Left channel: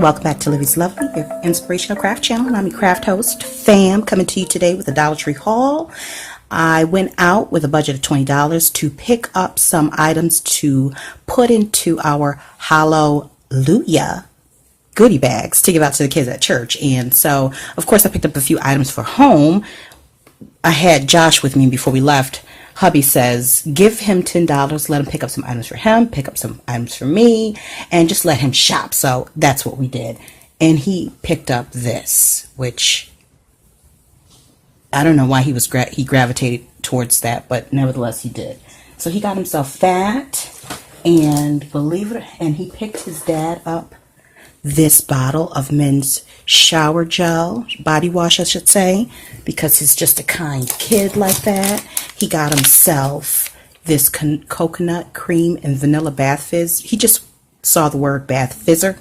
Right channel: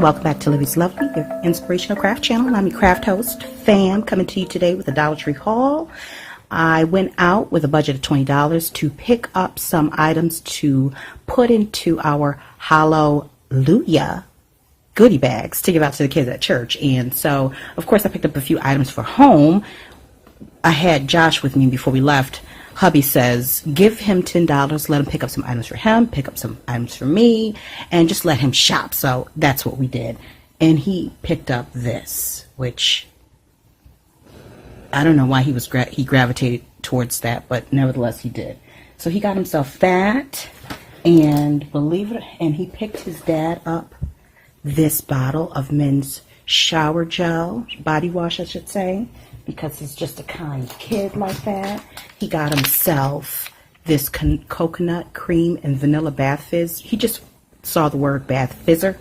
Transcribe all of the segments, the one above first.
welcome back to Lovelies, your inspirational craft channel. I'm your craft host, Fam, coming to you today with a Dollar Tree haul. I went out with a budget of $20 to pick up some items to put into our Hallo-lujah goodie bags to give out to the kids at church. And so, of course, I picked up a few items for home. I had Josh with me before we left. Hubby says, give him $10, let him pick up some items for him, pick up some items for me, and just let him shop. So that's what we did. And he picked up this, which I don't know why he gravitated towards that, but nevertheless he did. So he got himself that, and and he picked his dad up this bottle of men's shower gel, body wash I should say, because he's just a kind kid like that. He got himself this coconut cream and vanilla bath fizz. He just saw the word bath fizzer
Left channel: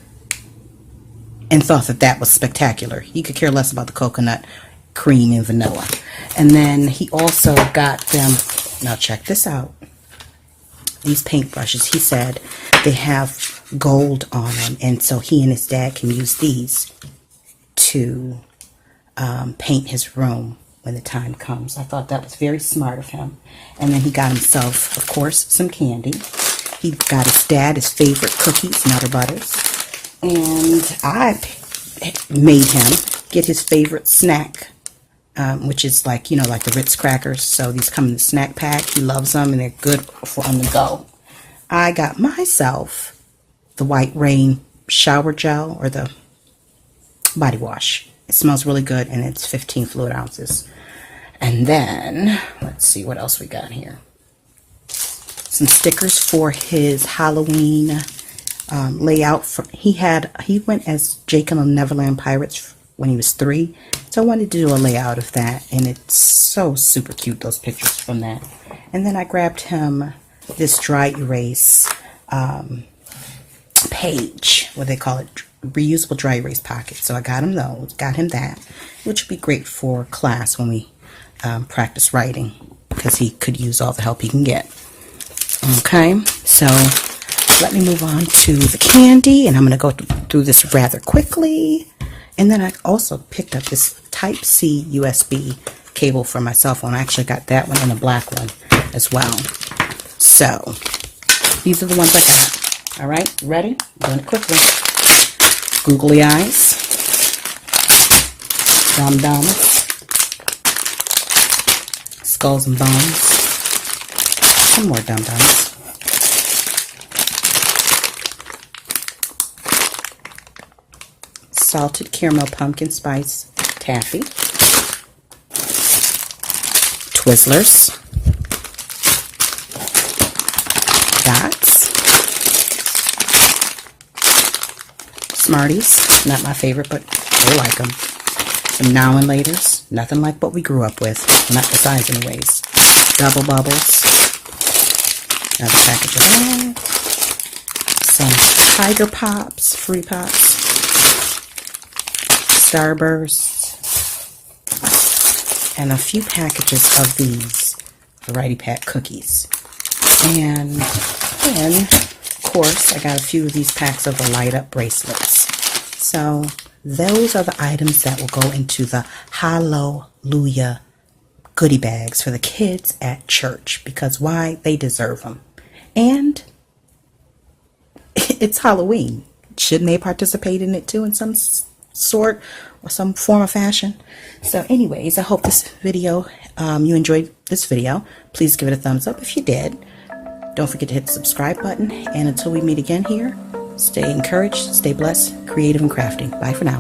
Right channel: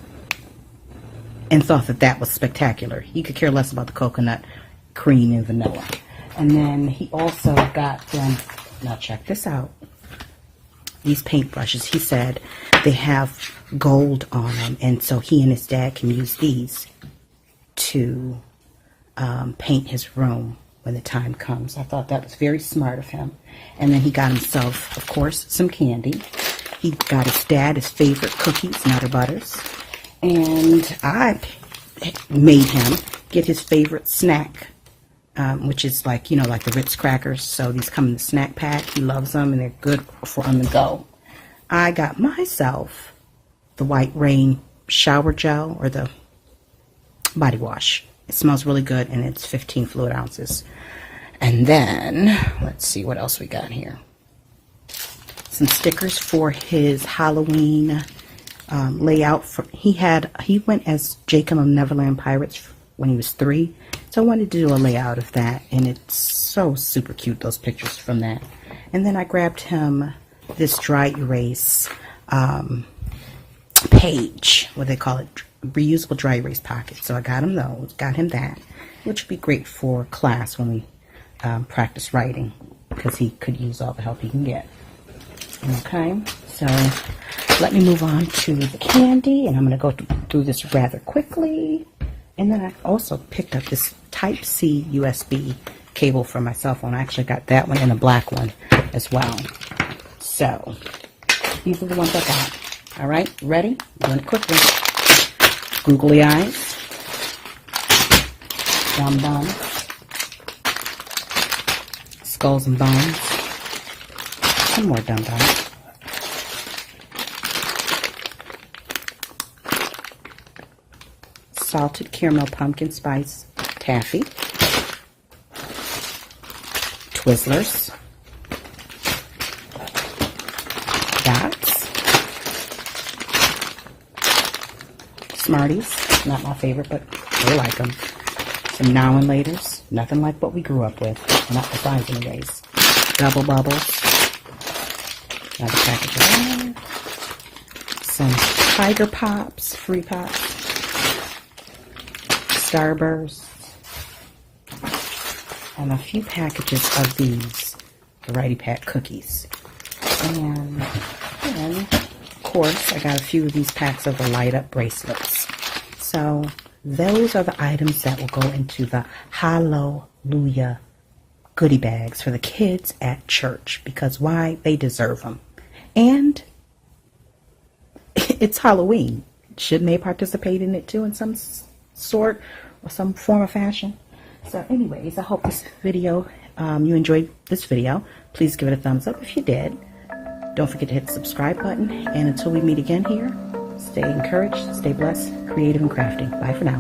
and thought that that was spectacular. He could care less about the coconut cream and vanilla. And then he also got them, now check this out, these paintbrushes. He said they have gold on them, and so he and his dad can use these to paint his room when the time comes. I thought that was very smart of him. And then he got himself, of course, some candy. He got his dad his favorite cookies, Nutter Butters. And I made him get his favorite snack, which is like, like the Ritz crackers. So these come in a snack pack. He loves them, and they're good for him to go. I got myself the White Rain shower gel, or the body wash. It smells really good, and it's 15 fluid ounces. And then, let's see what else we got here. Some stickers for his Halloween layout. He went as Jake on Neverland Pirates when he was 3. So I wanted to do a layout of that, and it's so super cute, those pictures from that. And then I grabbed him this dry erase page, what they call it, reusable dry erase pocket. So I got him that, which would be great for class when we practice writing, because he could use all the help he can get. Okay, so let me move on to the candy, and I'm going to go through this rather quickly. And then I also picked up this Type-C USB cable for my cell phone. I actually got that one and a black one as well. So these are the ones I got. All right, ready? Doing it quickly. Googly eyes, dum-dums, skulls and bones, some more dum-dums, salted caramel pumpkin spice taffy, Twizzlers, Smarties, not my favorite, but I like them. Some Now and Laters, nothing like what we grew up with, not the size anyways. Double Bubbles, another package of that. Some Tiger Pops, Fruity Pops, Starbursts, and a few packages of these Variety Pack cookies. And then, of course, I got a few of these packs of the light up bracelets. So those are the items that will go into the Hallo-lujah goodie bags for the kids at church, because why? They deserve them. And it's Halloween. Shouldn't they participate in it too in some sort or some form of fashion? So anyways, I hope this video, you enjoyed this video. Please give it a thumbs up if you did. Don't forget to hit the subscribe button, and until we meet again here, stay encouraged, stay blessed, creative and crafty. Bye for now.